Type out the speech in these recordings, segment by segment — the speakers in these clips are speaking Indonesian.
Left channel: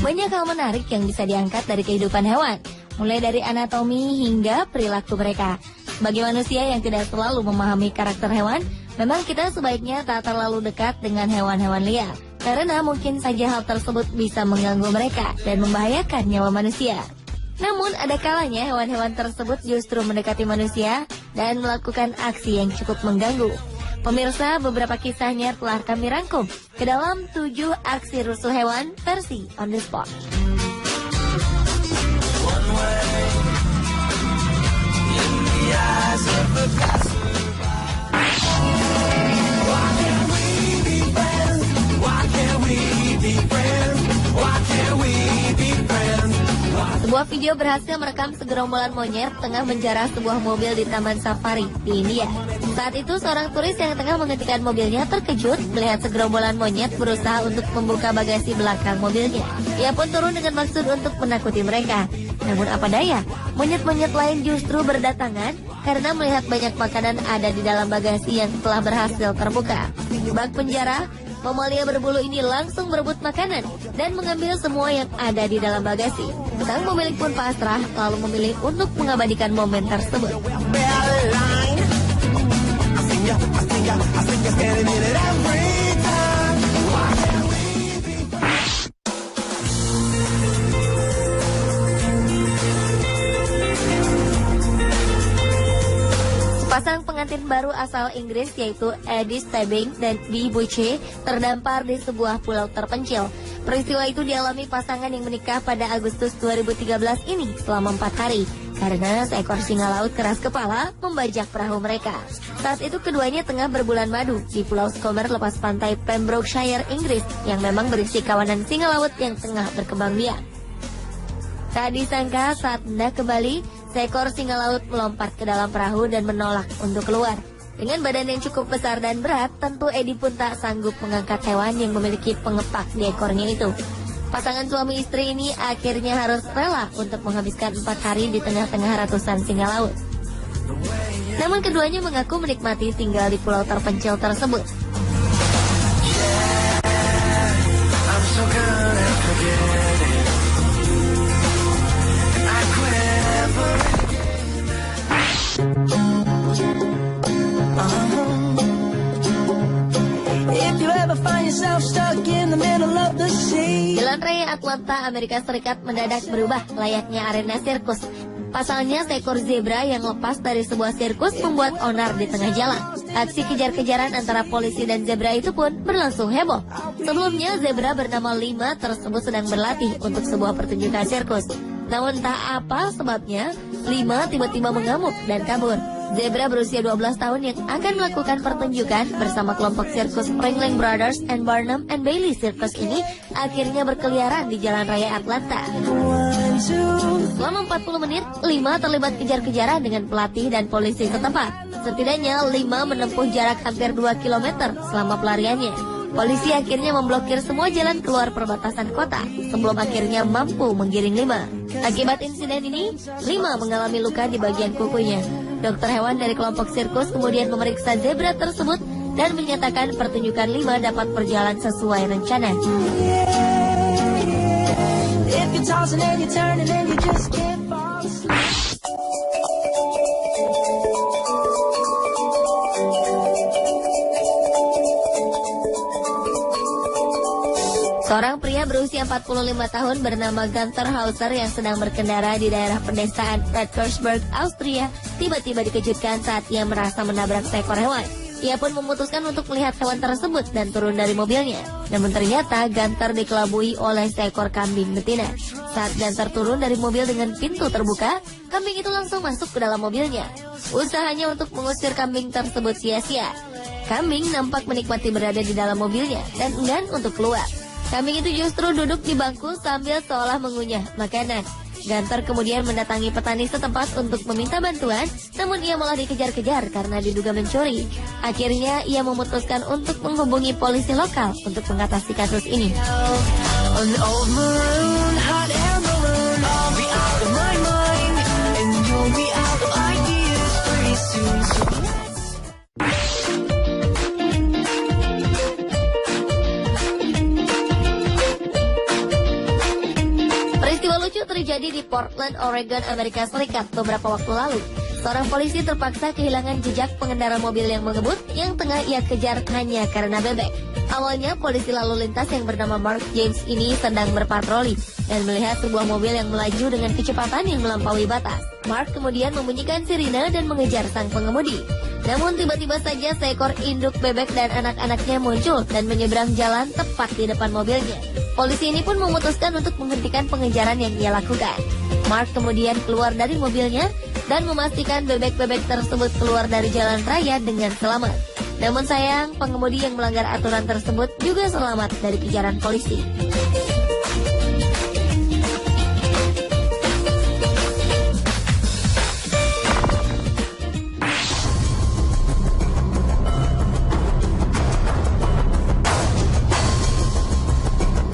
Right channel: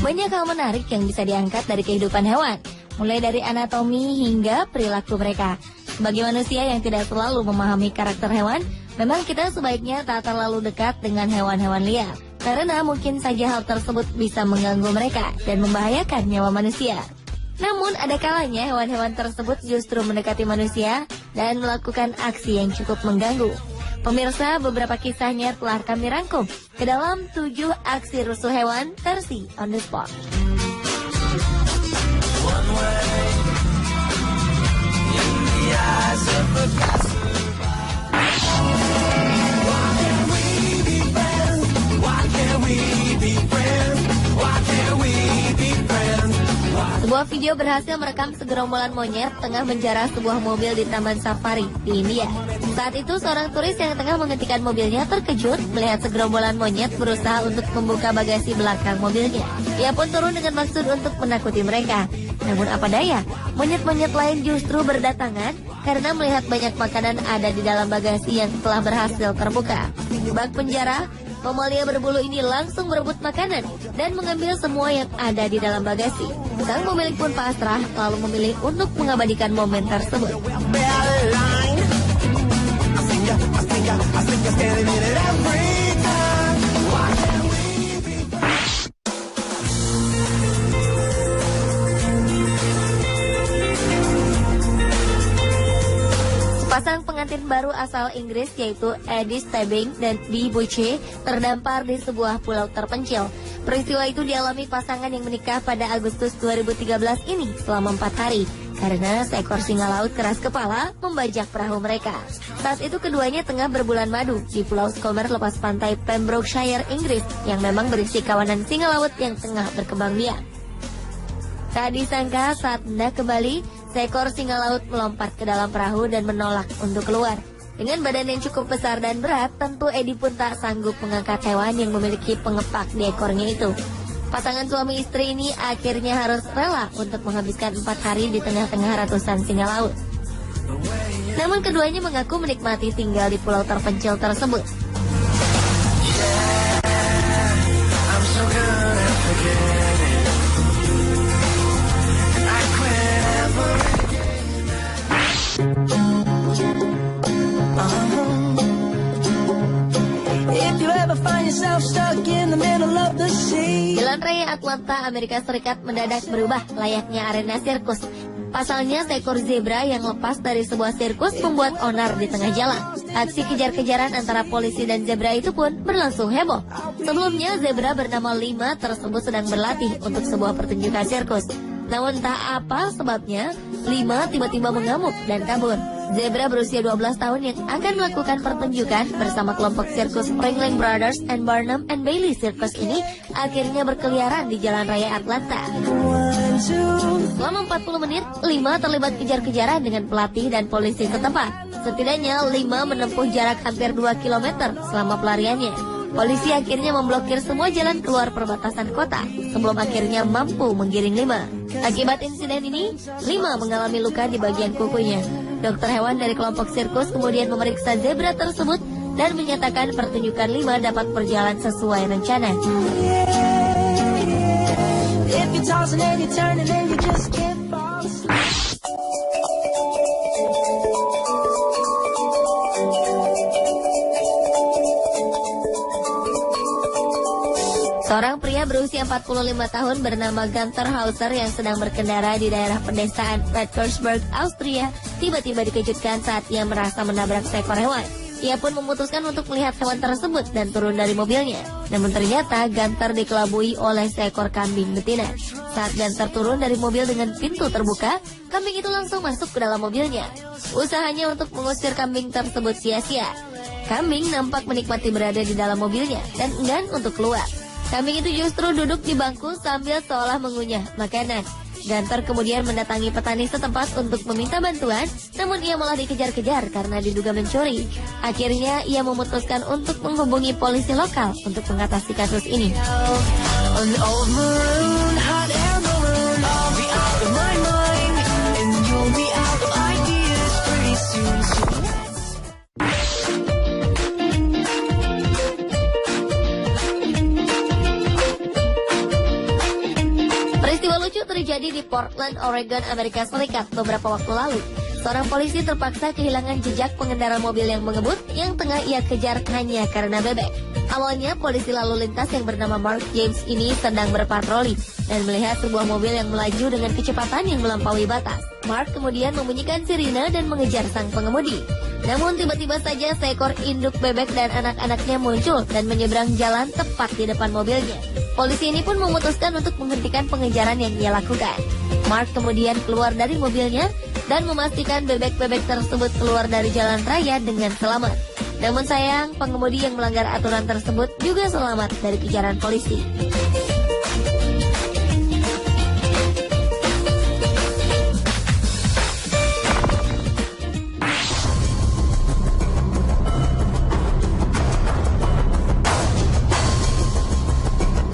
Banyak hal menarik yang bisa diangkat dari kehidupan hewan, mulai dari anatomi hingga perilaku mereka. Sebagai manusia yang tidak selalu memahami karakter hewan, memang kita sebaiknya tak terlalu dekat dengan hewan-hewan liar. Karena mungkin saja hal tersebut bisa mengganggu mereka dan membahayakan nyawa manusia. Namun ada kalanya hewan-hewan tersebut justru mendekati manusia dan melakukan aksi yang cukup mengganggu. Pemirsa, beberapa kisahnya telah kami rangkum ke dalam 7 aksi rusuh hewan versi On The Spot. Sebuah video berhasil merekam segerombolan monyet tengah menjarah sebuah mobil di Taman Safari di India. Saat itu seorang turis yang tengah menghentikan mobilnya terkejut melihat segerombolan monyet berusaha untuk membuka bagasi belakang mobilnya. Ia pun turun dengan maksud untuk menakuti mereka. Namun apa daya, monyet-monyet lain justru berdatangan karena melihat banyak makanan ada di dalam bagasi yang telah berhasil terbuka. Di bak penjara, mamalia berbulu ini langsung berebut makanan dan mengambil semua yang ada di dalam bagasi. Sang pemilik pun pasrah lalu memilih untuk mengabadikan momen tersebut. Pasang pengantin baru asal Inggris yaitu Eddie Stebbing dan Bee Buche terdampar di sebuah pulau terpencil. Peristiwa itu dialami pasangan yang menikah pada Agustus 2013 ini selama 4 hari. Karena seekor singa laut keras kepala membajak perahu mereka. Saat itu keduanya tengah berbulan madu di Pulau Scomer lepas pantai Pembrokeshire, Inggris yang memang berisi kawanan singa laut yang tengah berkembang biak. Tak disangka saat hendak kembali, seekor singa laut melompat ke dalam perahu dan menolak untuk keluar. Dengan badan yang cukup besar dan berat, tentu Eddie pun tak sanggup mengangkat hewan yang memiliki pengepak di ekornya itu. Pasangan suami istri ini akhirnya harus rela untuk menghabiskan 4 hari di tengah-tengah ratusan singa laut. Namun keduanya mengaku menikmati tinggal di pulau terpencil tersebut. Jalan Raya Atlanta, Amerika Serikat mendadak berubah layaknya arena sirkus. Pasalnya seekor zebra yang lepas dari sebuah sirkus membuat onar di tengah jalan. Aksi kejar-kejaran antara polisi dan zebra itu pun berlangsung heboh. Sebelumnya zebra bernama Lima tersebut sedang berlatih untuk sebuah pertunjukan sirkus. Namun tak apa sebabnya, Lima tiba-tiba mengamuk dan kabur. Zebra berusia 12 tahun yang akan melakukan pertunjukan bersama kelompok sirkus Franklin Brothers and Barnum and Bailey Circus ini akhirnya berkeliaran di Jalan Raya Atlanta. Selama 40 menit, Lima terlibat kejar-kejaran dengan pelatih dan polisi setempat. Setidaknya Lima menempuh jarak hampir 2 km selama pelariannya. Polisi akhirnya memblokir semua jalan keluar perbatasan kota sebelum akhirnya mampu menggiring Lima. Akibat insiden ini, Lima mengalami luka di bagian kukunya. Dokter hewan dari kelompok sirkus kemudian memeriksa zebra tersebut dan menyatakan pertunjukan Lima dapat berjalan sesuai rencana. Seorang pria berusia 45 tahun bernama Gunther Hauser yang sedang berkendara di daerah pedesaan Petersburg, Austria, tiba-tiba dikejutkan saat ia merasa menabrak seekor hewan. Ia pun memutuskan untuk melihat hewan tersebut dan turun dari mobilnya. Namun ternyata Gunther dikelabui oleh seekor kambing betina. Saat Gunther turun dari mobil dengan pintu terbuka, kambing itu langsung masuk ke dalam mobilnya. Usahanya untuk mengusir kambing tersebut sia-sia. Kambing nampak menikmati berada di dalam mobilnya dan enggan untuk keluar. Kambing itu justru duduk di bangku sambil seolah mengunyah makanan. Gunther kemudian mendatangi petani setempat untuk meminta bantuan, namun ia malah dikejar-kejar karena diduga mencuri. Akhirnya ia memutuskan untuk menghubungi polisi lokal untuk mengatasi kasus ini. Peristiwa lucu terjadi di Portland, Oregon, Amerika Serikat beberapa waktu lalu. Seorang polisi terpaksa kehilangan jejak pengendara mobil yang mengebut yang tengah ia kejar hanya karena bebek. Awalnya polisi lalu lintas yang bernama Mark James ini sedang berpatroli dan melihat sebuah mobil yang melaju dengan kecepatan yang melampaui batas. Mark kemudian membunyikan sirine dan mengejar sang pengemudi. Namun tiba-tiba saja seekor induk bebek dan anak-anaknya muncul dan menyeberang jalan tepat di depan mobilnya. Polisi ini pun memutuskan untuk menghentikan pengejaran yang ia lakukan. Mark kemudian keluar dari mobilnya dan memastikan bebek-bebek tersebut keluar dari jalan raya dengan selamat. Namun sayang, pengemudi yang melanggar aturan tersebut juga selamat dari kejaran polisi.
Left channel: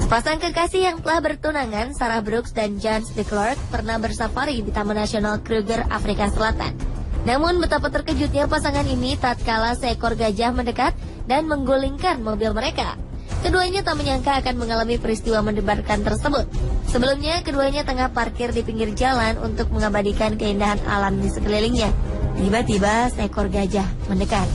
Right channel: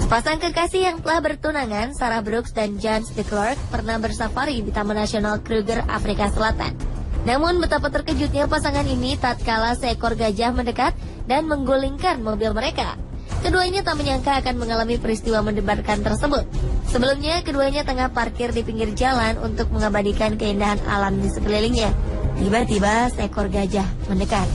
Pasang kekasih yang telah bertunangan, Sarah Brooks dan James Clark, pernah bersafari di Taman Nasional Kruger, Afrika Selatan. Namun betapa terkejutnya pasangan ini tatkala seekor gajah mendekat dan menggulingkan mobil mereka. Keduanya tak menyangka akan mengalami peristiwa mendebarkan tersebut. Sebelumnya, keduanya tengah parkir di pinggir jalan untuk mengabadikan keindahan alam di sekelilingnya. Tiba-tiba seekor gajah mendekat.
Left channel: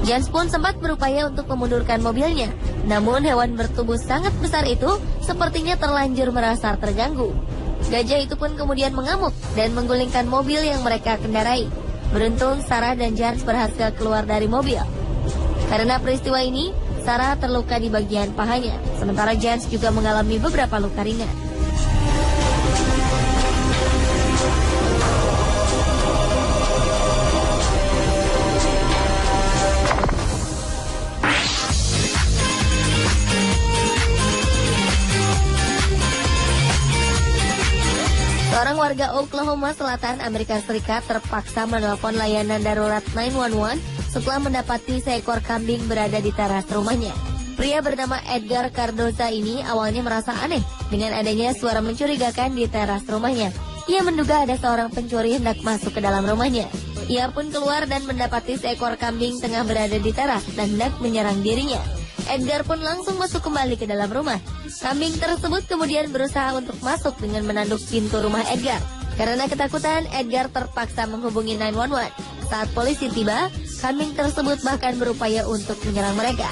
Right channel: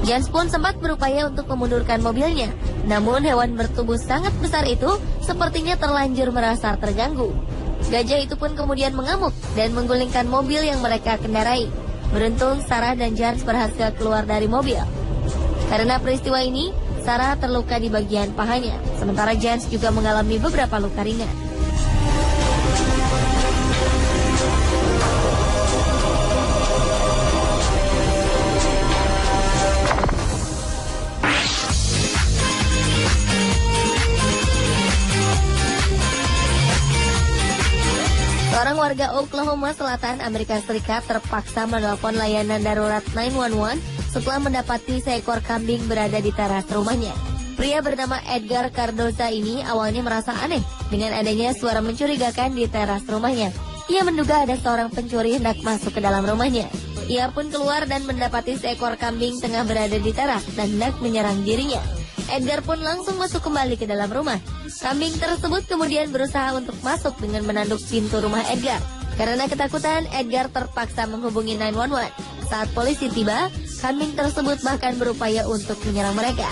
James pun sempat berupaya untuk memundurkan mobilnya. Namun hewan bertubuh sangat besar itu sepertinya terlanjur merasa terganggu. Gajah itu pun kemudian mengamuk dan menggulingkan mobil yang mereka kendarai. Beruntung Sarah dan James berhasil keluar dari mobil. Karena peristiwa ini, Sarah terluka di bagian pahanya, sementara James juga mengalami beberapa luka ringan. Seorang warga Oklahoma Selatan, Amerika Serikat terpaksa menelpon layanan darurat 911 setelah mendapati seekor kambing berada di teras rumahnya. Pria bernama Edgar Cardoza ini awalnya merasa aneh dengan adanya suara mencurigakan di teras rumahnya. Ia menduga ada seorang pencuri hendak masuk ke dalam rumahnya. Ia pun keluar dan mendapati seekor kambing tengah berada di teras dan hendak menyerang dirinya. Edgar pun langsung masuk kembali ke dalam rumah. Kambing tersebut kemudian berusaha untuk masuk dengan menanduk pintu rumah Edgar. Karena ketakutan, Edgar terpaksa menghubungi 911. Saat polisi tiba, kambing tersebut bahkan berupaya untuk menyerang mereka.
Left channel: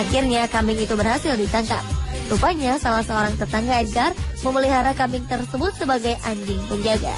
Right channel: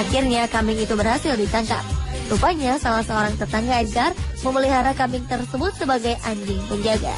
Akhirnya kambing itu berhasil ditangkap. Rupanya salah seorang tetangga Edgar memelihara kambing tersebut sebagai anjing penjaga.